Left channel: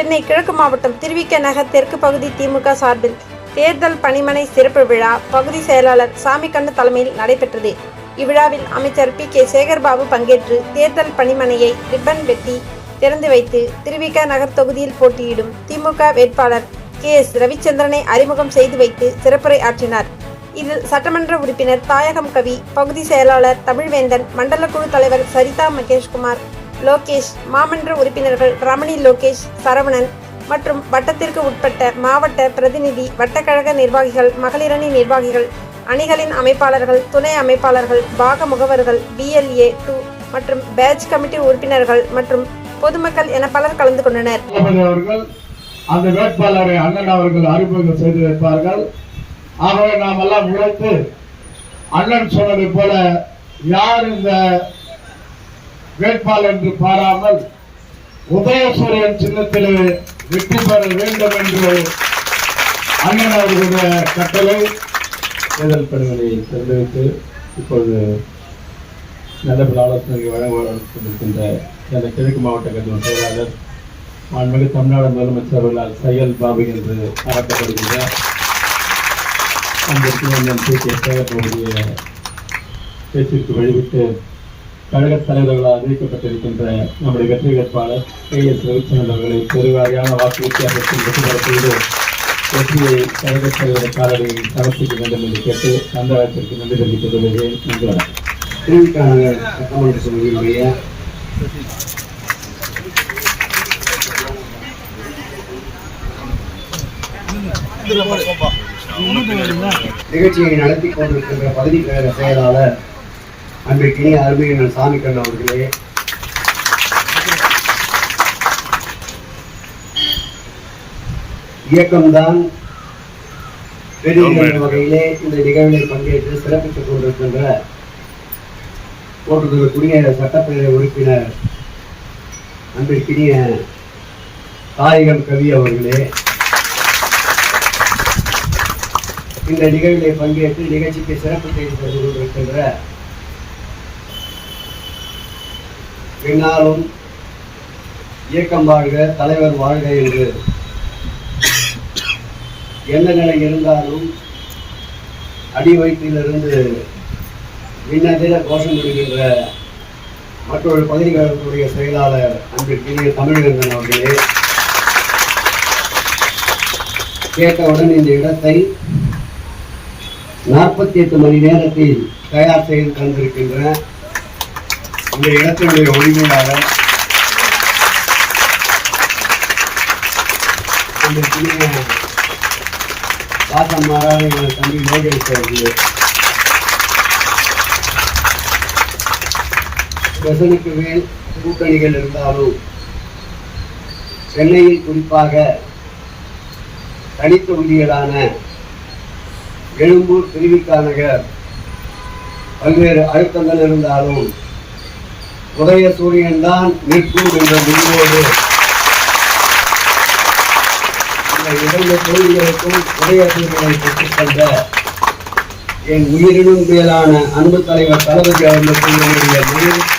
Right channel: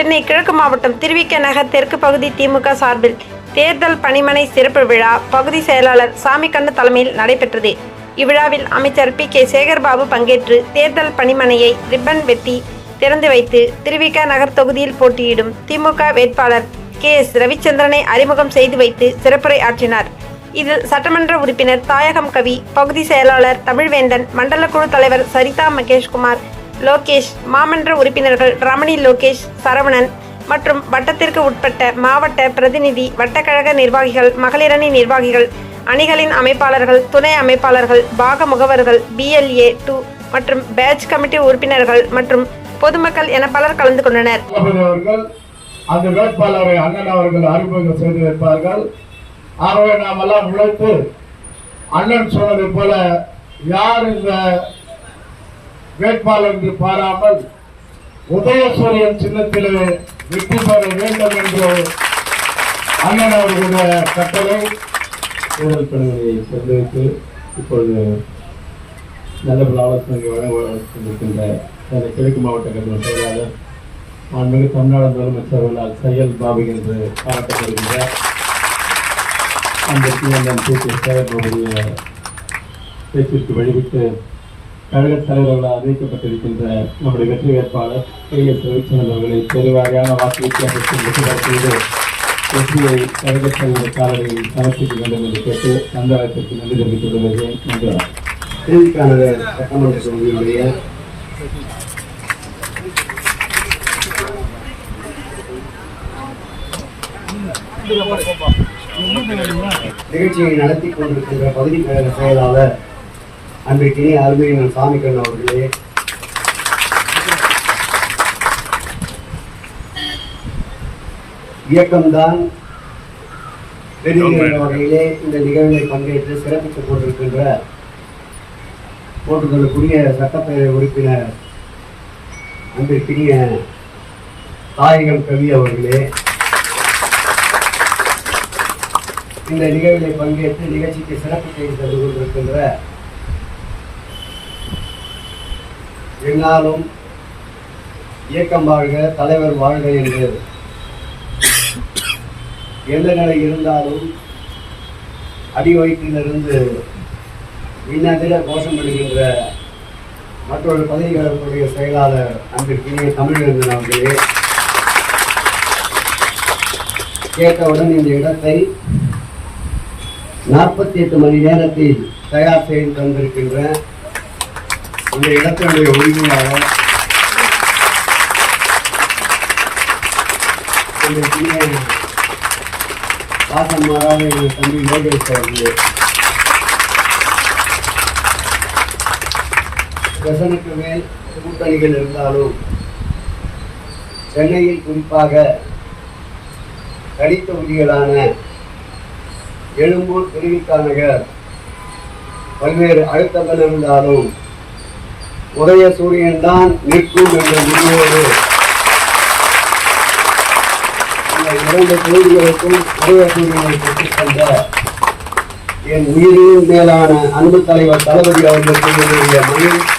சென்னை கிழக்கு மாவட்டம் திருவிக நகர் தெற்கு பகுதி திமுக சார்பில் தேர்தல் பணிமனை சிறப்பு விழா பகுதி செயலாளர் சாமிக்கண்ணு தலைமையில் நடைபெற்றது. இவ்விழாவில் அமைச்சர் பி.கே. சேகர்பாபு பங்கேற்று தேர்தல் பணிமனையை ரிப்பன் வெட்டி திறந்து வைத்து திருவிக நகர் தொகுதியில் போட்டியிடும் திமுக வேட்பாளர் கே.எஸ். ரவிச்சந்திரனை அறிமுகம் செய்து வைத்து சிறப்புரை ஆற்றினார். இதில் சட்டமன்ற உறுப்பினர் தாயகம் கவி, பகுதி செயலாளர் தமிழ்வேந்தன், மண்டல குழு தலைவர் சரிதா மகேஷ்குமார், லோகேஷ், மாமன்ற உறுப்பினர்கள் ரமணி, லோகேஷ், சரவணன் மற்றும் வட்டத்திற்கு உட்பட்ட மாவட்ட பிரதிநிதி, வட்டக்கழக நிர்வாகிகள், மகளிரணி நிர்வாகிகள், அணிகளின் அமைப்பாளர்கள், துணை அமைப்பாளர்கள், பாக முகவர்கள், BLA 2 மற்றும் பேட்ச் கமிட்டி உறுப்பினர்கள் மற்றும் பொதுமக்கள் என பலர் கலந்து கொண்டனர். அந்த வேட்பாளரை அண்ணன் அவர்கள் அறிமுகம் செய்து வைப்பார்கள். ஆகவே நாம் எல்லாம் உழைத்து அண்ணன் சொன்னதை போல யார் இந்த வேட்பாளர் என்று பாராமல் உதயசூரியன் சின்னத்திலே வெற்றி பெற வேண்டும் என்று அண்ணன் அவர்களுடைய கட்டளை தேர்தல் பணிமனையை தெரிவித்து இப்பொழுது நல்ல ஆலோசனை வழங்கிருக்கின்ற கிழக்கு மாவட்ட கட்சி செயலாளர் மாண்புமிகு தமிழ்நாடு முதலமைச்சர் அவர்களால் செயல் பாபு என்று பாராட்டப்படுகின்ற அந்த பி.கே. சேகர்பாபுடைய பேச்சிற்கு வழிவிட்டு கழக தலைவர்களால் அறிவிக்கப்பட்டிருக்கின்ற நம்முடைய வெற்றி வேட்பாளர் கே.எஸ். ரவிச்சந்திரன் அவர்களை பெருவாரியான வாக்கு வித்தியாசத்தில் வெற்றி பெற செய்து வெற்றியை கழக தலைவர் காலடியில் சமர்ப்பிக்க வேண்டும் என்று கேட்டு சந்தானத்திற்கு நன்றி தெரிவித்துக் கொள்கிறேன். நன்றி. திருவிக்கான சட்டமன்ற தொகுதியினுடைய நிகழ்ச்சியை நடத்தி கொண்டிருக்கின்ற பகுதி கழக செயலாளர் அன்றைக்கினி அருமையின் சாமிக்கண்ணு அவர்களே, இயக்கம்தான் பெரிய வகையிலே இந்த நிகழ்வை பங்கேற்று சிறப்பித்துக் கொண்டிருக்கின்ற போட்டுதலுக்குரிய சட்டப்பேரவை உறுப்பினர் அன்றைக்கினிய தாயகம் கவி அவர்களே, இந்த நிகழ்விலே பங்கேற்று நிகழ்ச்சிக்கு சிறப்பு செய்து தந்து கொண்டிருக்கின்ற என்னாலும் இயக்கம் வாழ்க, தலைவர் வாழ்க என்று எந்த நிலை இருந்தாலும் அடி வயிற்றிலிருந்து விண்ணதிர கோஷம் விடுகின்ற மற்றொரு பகுதிகளுடைய செயலாளர் அன்றைக்கினிய தமிழ்வேந்தன் அவர்களே, கேட்டவுடன் இந்த இடத்தை 48 மணி நேரத்தில் தயார் செய்து தந்திருக்கின்ற இந்த இடத்தினுடைய உரிமையாளர் அந்த வாசம் மாறாத என் தம்பி லோகேஷ் அவர்களே, பிரசனுக்கு மேல் கூட்டணிகள் இருந்தாலும் சென்னையில் குறிப்பாக தனித்தொகுதிகளான எழும்பூர், திருவிக நகர் பல்வேறு அழுத்தங்கள் இருந்தாலும் உதயசூரியன் தான் நிற்கும் என்ற முடிவோடு இந்த 2 தொகுதிகளுக்கும் உதயசூரியனை பெற்றுக்கொண்ட என் உயிரினும் மேலான அன்பு தலைவர் தளபதி அவர்களுக்கு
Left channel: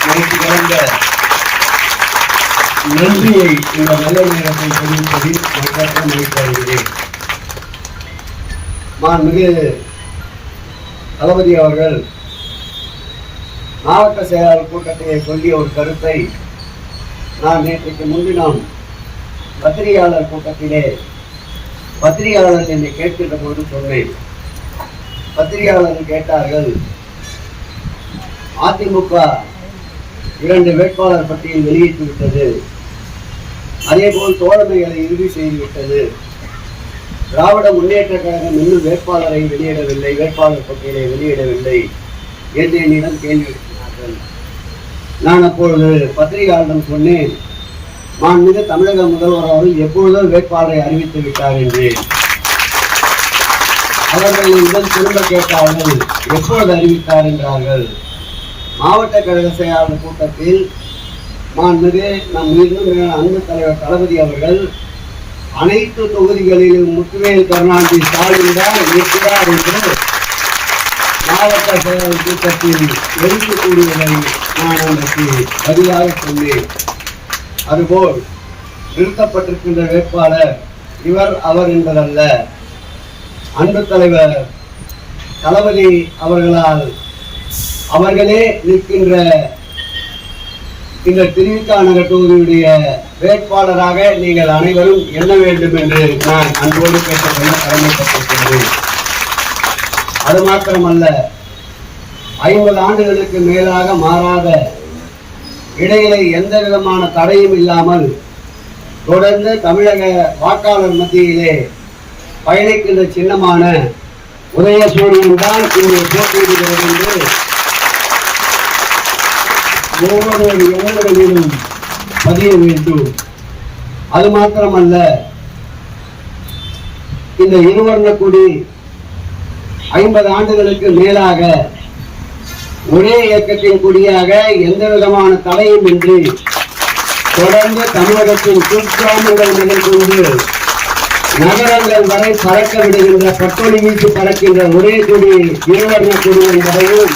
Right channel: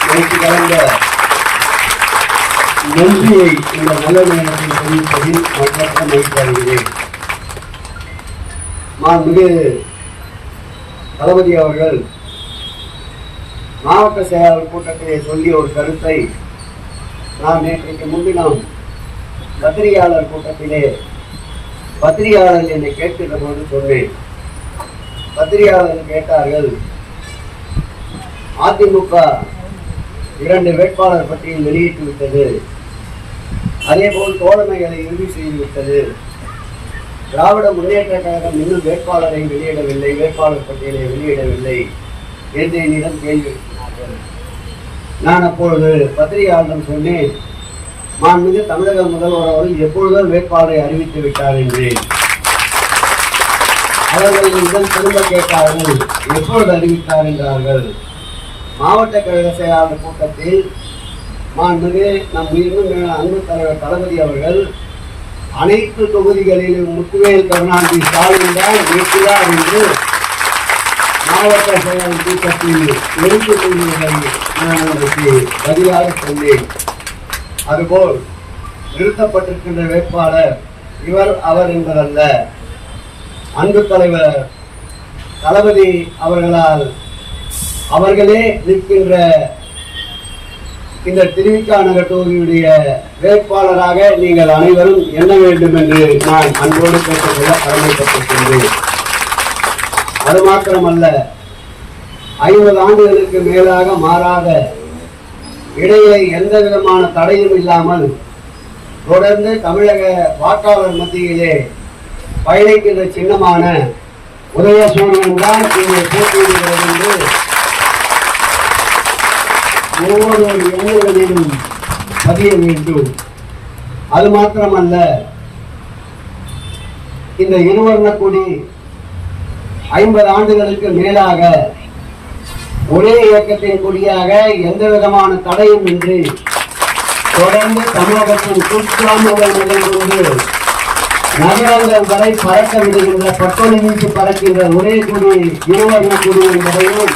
மனசு கலந்த நன்றியை இந்த நல்ல நேரத்தில் தெரிவிப்பதில் மற்ற மகிழ்ச்சியடைகிறேன். மாண்புமிகு தளபதி அவர்கள் மாவட்ட செயலாளர் கூட்டத்திலே சொல்லிய ஒரு கருத்தை நான் நேற்றைக்கு முன்தினம் பத்திரிகையாளர் கூட்டத்திலே பத்திரிகையாளர் என்னை கேட்கின்ற போது சொன்னேன். பத்திரிகையாளர்கள் கேட்டார்கள், அதிமுக 2 வேட்பாளர் பட்டியல் வெளியிட்டு விட்டது, அதே போல் தோழமைகளை இறுதி செய்துவிட்டது, திராவிட முன்னேற்ற கழகம் இன்னும் வேட்பாளரை வெளியிடவில்லை, வேட்பாளர் பட்டியலை வெளியிடவில்லை என்று என்னிடம் கேள்வி எழுப்பினார்கள். நான் அப்பொழுது பத்திரிகையாளரிடம் சொன்னேன், மாண்புமிகு தமிழக முதல்வர் அவர்கள் எப்பொழுதோ வேட்பாளரை அறிவித்து விட்டார் என்றேன். அவர்கள் என்னிடம் திரும்ப கேட்டார்கள், எப்பொழுது அறிவித்தார் என்றார்கள். மாவட்ட கழக செயலாளர் கூட்டத்தில் மாண்புமிகு நம் இன்னும் அன்பு தலைவர் தளபதி அவர்கள் அனைத்து தொகுதிகளிலும் முத்துவேல் கருணாநிதி ஸ்டாலின் தான் இருக்கிறார் என்று மாவட்ட செயலாளர் கூட்டத்தில் எடுத்துக் கொள்வதை நான் உங்களுக்கு பதிலாக சொன்னேன். அதுபோல் நிறுத்தப்பட்டிருக்கின்ற வேட்பாளர் இவர் அவர் என்பதல்ல. அன்பு தலைவர் தளபதி அவர்களால் அவர்களே நிற்கின்ற இந்த திருவிக நகர் தொகுதியுடைய வேட்பாளராக நீங்கள் அனைவரும் எண்ண வேண்டும் என்று நான் அன்போடு கேட்டுக்கொள்ள கடமைப்பட்டிருக்கின்றேன். அது மாத்திரமல்ல, 50 ஆண்டுகளுக்கு மேலாக மாறாத, இடையிலே எந்த விதமான தடையும் இல்லாமல் தொடர்ந்து தமிழக வாக்காளர் மத்தியிலே பயணிக்கின்ற சின்னமான உதயசூரியன் தான் இங்கே போட்டியிடுகிறது என்று ஒவ்வொரு எண்ணங்களிலும் பதிய வேண்டும். அது மாத்திரமல்ல, இந்த இருவர்ண கொடி 50 ஆண்டுகளுக்கு மேலாக ஒரே இயக்கத்தின் கொடியாக எந்த விதமான தடையும் இன்றி தொடர்ந்து தமிழகத்தின் கூட்டாளர்கள் கொண்டு நகரங்கள் வரை பறக்க விடுகின்ற, பட்டொலி வீசி பறக்கின்ற ஒரே கொடி இருவர்ண கொடி என்பதையும்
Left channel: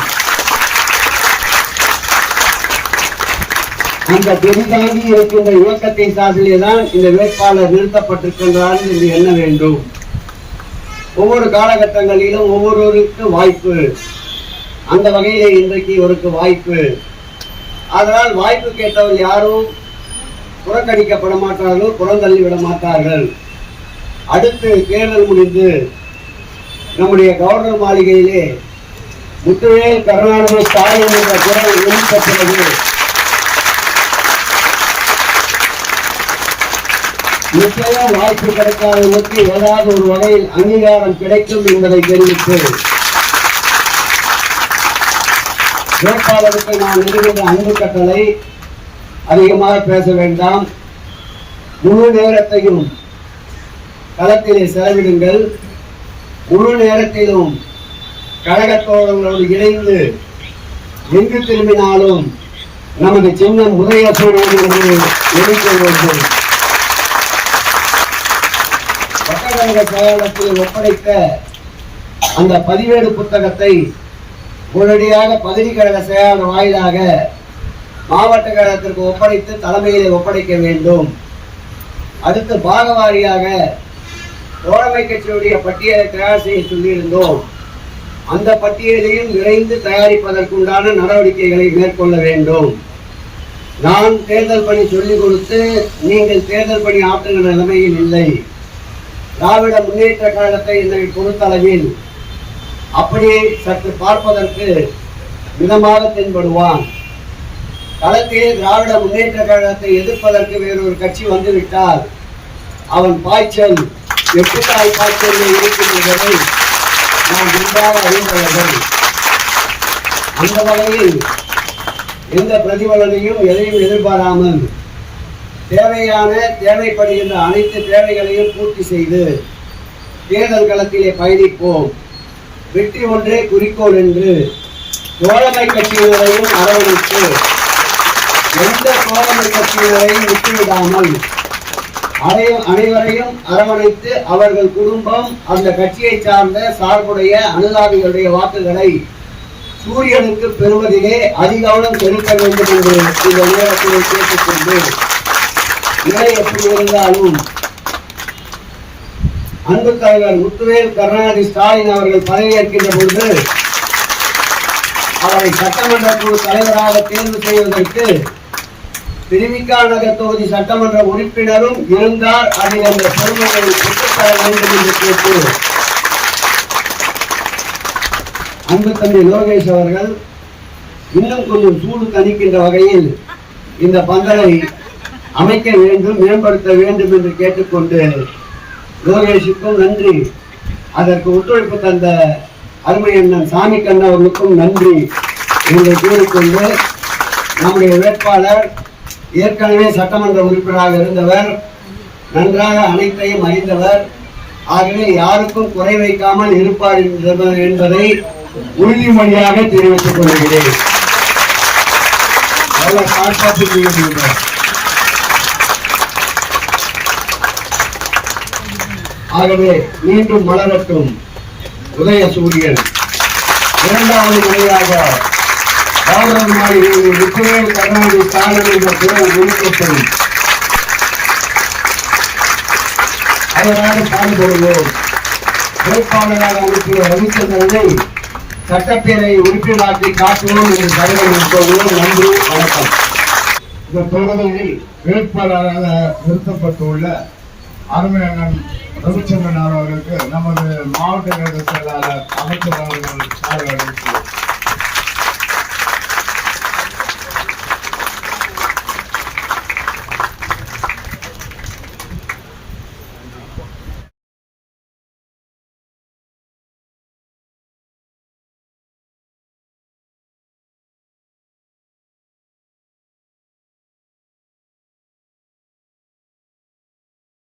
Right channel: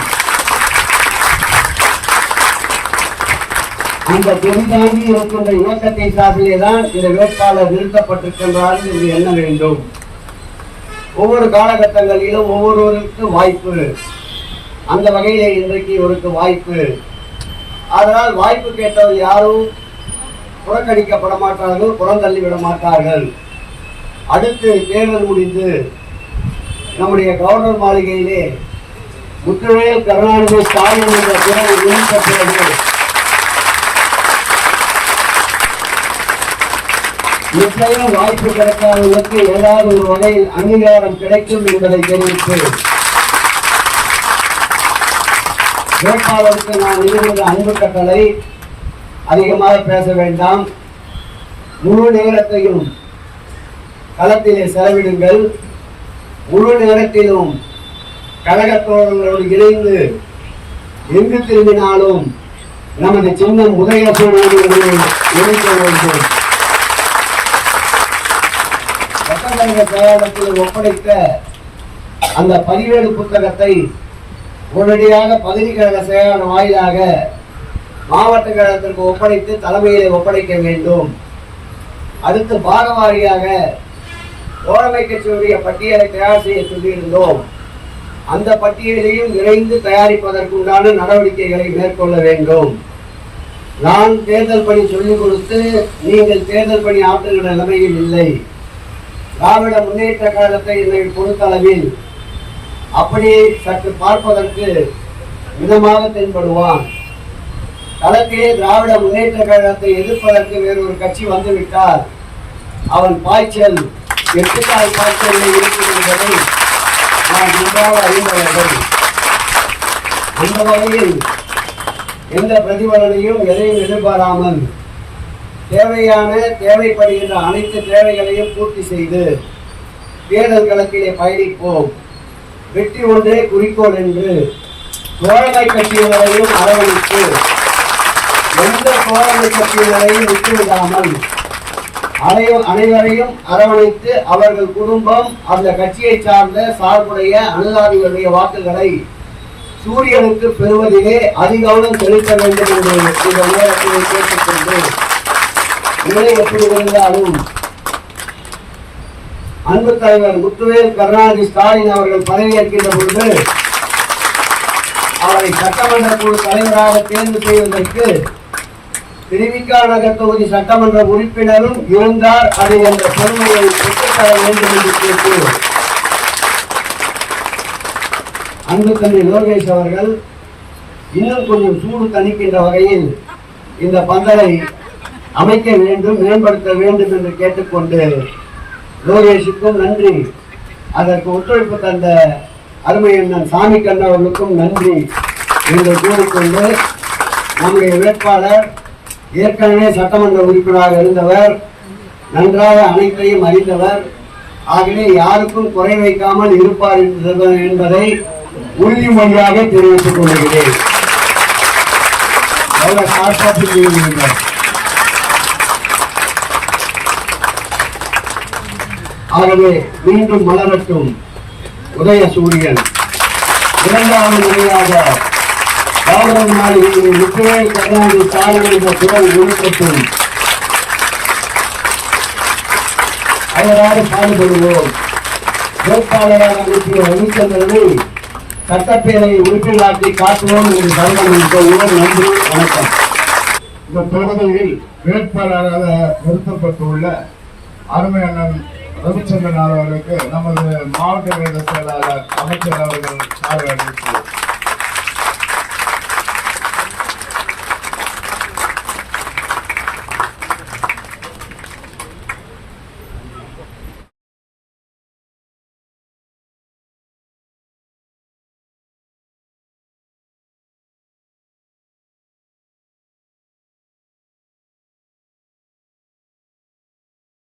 அந்த பெரிதாங்கி இருக்கின்ற இயக்கத்தை சார்பிலேதான் இந்த வேட்பாளர் நிறுத்தப்பட்டிருக்கின்றார் என்று எண்ண வேண்டும். ஒவ்வொரு காலகட்டங்களிலும் ஒவ்வொருவருக்கு வாய்ப்பு. அந்த வகையிலே இன்றைக்கு இவருக்கு வாய்ப்பு. அதனால் வாய்ப்பு கேட்டவர் யாரும் புறக்கணிக்கப்பட மாட்டார்கள், புறந்தள்ளி விட மாட்டார்கள். அடுத்து தேர்தல் முடிந்து நம்முடைய கவர்னர் மாளிகையிலே முத்துவேல் கருணாநிதி ஸ்டாலின் என்ற குரல் நிறுத்த பிறகு நிச்சயம் வாய்ப்பு கிடைக்காதவருக்கு ஏதாவது ஒரு வகையில் அங்கீகாரம் கிடைக்கும் என்பதை தெரிவித்து வேட்பாளருக்கு நான் நிறுவுகின்ற அன்பு கட்டளை அதிகமாக பேச வேண்டாம். முழு நேரத்தையும் களத்திலே செலவிடுங்கள். முழு நேரத்திலும் கழகத்தோழர்களோடு இணைந்து எங்கு திரும்பினாலும் நமது சின்னம் உதயசூரியன் நினைக்க வேண்டும். சட்டக்கழக செயலாளத்தில் ஒப்படைத்த அந்த பதிவேடு புத்தகத்தை உடனடியாக பகுதி கழக செயலாளர் வாயிலாக மாவட்ட கழகத்திற்கு ஒப்படைத்து தலைமையிலே ஒப்படைக்க வேண்டும். அடுத்து பாகவாரியாக தோழமை கட்சியுடைய பட்டியலை தயார் செய்ய சொல்லியிருந்தோம். அந்த பட்டியலையும் விரைந்து தயாரிப்பதற்குண்டான நடவடிக்கைகளை மேற்கொள்ள வேண்டும். நான் தேர்தல் பணி சொல்லிக் கொடுத்து நீங்கள் தேர்தல் பணி ஆற்றுகிற நிலைமையில் இல்லை. திராவிட முன்னேற்ற கழகத்தை என்னை பொறுத்தளவில் அப்படியே சற்று பார்ப்பதற்கு மிதமாக தென்படுவான். களத்திலே திராவிட முன்னேற்ற கழகத்தை எதிர்ப்பதற்கு வேறொரு கட்சி வந்துவிட்டால் அவன் பாய்ச்சல் எட்டுக்கால் பாய்ச்சலில் இருக்கிறதை நாம் நன்றாக அறிந்தவர்கள். அந்த வகையில் எந்த பிரதிபலனையும் எதையும் எதிர்பாராமல் தேவைப்படுகின்ற அனைத்து தேவைகளையும் பூர்த்தி செய்து தேர்தல் களத்திலே பயணிப்போம். வெற்றி ஒன்றே குறிக்கோள் என்று தோழமை கட்சியினரையும் அரவணைத்து எந்த தோழமை கட்சியினரையும் விட்டுவிடாமல் அனைவரையும் அரவணைத்து அவர்கள் குடும்பம் அந்த கட்சியை சார்ந்த சார்புடைய அனுதாபிகளுடைய வாக்குகளை சூரியனுக்கு பெறுவதிலே அதிகவனம் செலுத்த வேண்டும் என்று இந்த நேரத்திலே கேட்டுக்கொண்டு, நிலை எப்படி இருந்தாலும் அன்பு தலைவர் முத்துவேல் கருணாநிதி ஸ்டாலின் அவர்கள் பதவியேற்கின்ற பொழுது அவரை சட்டமன்ற குழு தலைவராக தேர்வு செய்வதற்கு திருவிக நகர் தொகுதி சட்டமன்ற உறுப்பினரும் இருந்தார். அதில் அந்த பெருமையை பெற்றுத்தர வேண்டும் என்று கேட்டு அன்பு தம்பி லோகேஷ் அவர்கள் இன்னும் கொஞ்சம் சூடு தணிக்கின்ற வகையில் இந்த பந்தலை அமைக்க வேண்டும், மேம்படுத்த வேண்டும் என்று கேட்டுக்கொண்டு லோகேஷுக்கும் நன்றி, அதற்கு ஒத்துழைப்பு தந்த அருமை அண்ணன் சாமி கண்ணன் அவர்களுக்கும் நன்றி என்று கூறிக்கொண்டு, நம்முடைய வேட்பாளர் ஏற்கனவே சட்டமன்ற உறுப்பினராக இருந்தவர், நன்றாக அனைத்தையும் அறிந்தவர், ஆகவே யாருக்கும் குறை வைக்காமல் இருப்பார் என்பதை உறுதிமொழியாக தெரிவித்துக் கொள்கிறேன். ஆகவே மீண்டும் மலரட்டும் உதயசூரியன். இரண்டாவது முறையாக கவர்னர் மாளிகையில் முத்துவேல் கருணாநிதி ஸ்டாலின் என்ற குரல் ஒலிக்கட்டும். அதனால் பாடுபடுவோம். வேட்பாளராக அனுப்பிய ரவிச்சந்திரனை சட்டப்பேரவை உறுப்பினராக்கி காட்டுவோம் என்று கருதம் சொல்வோம். நன்றி, வணக்கம். இந்த தொகுதியில் வேட்பாளராக நிறுத்தப்பட்டுள்ள அருமை அண்ணன் ரவிச்சந்திரன் அவர்களுக்கு நமது மாவட்ட செயலாளர் அமைச்சர் அவர்கள் சார்பில்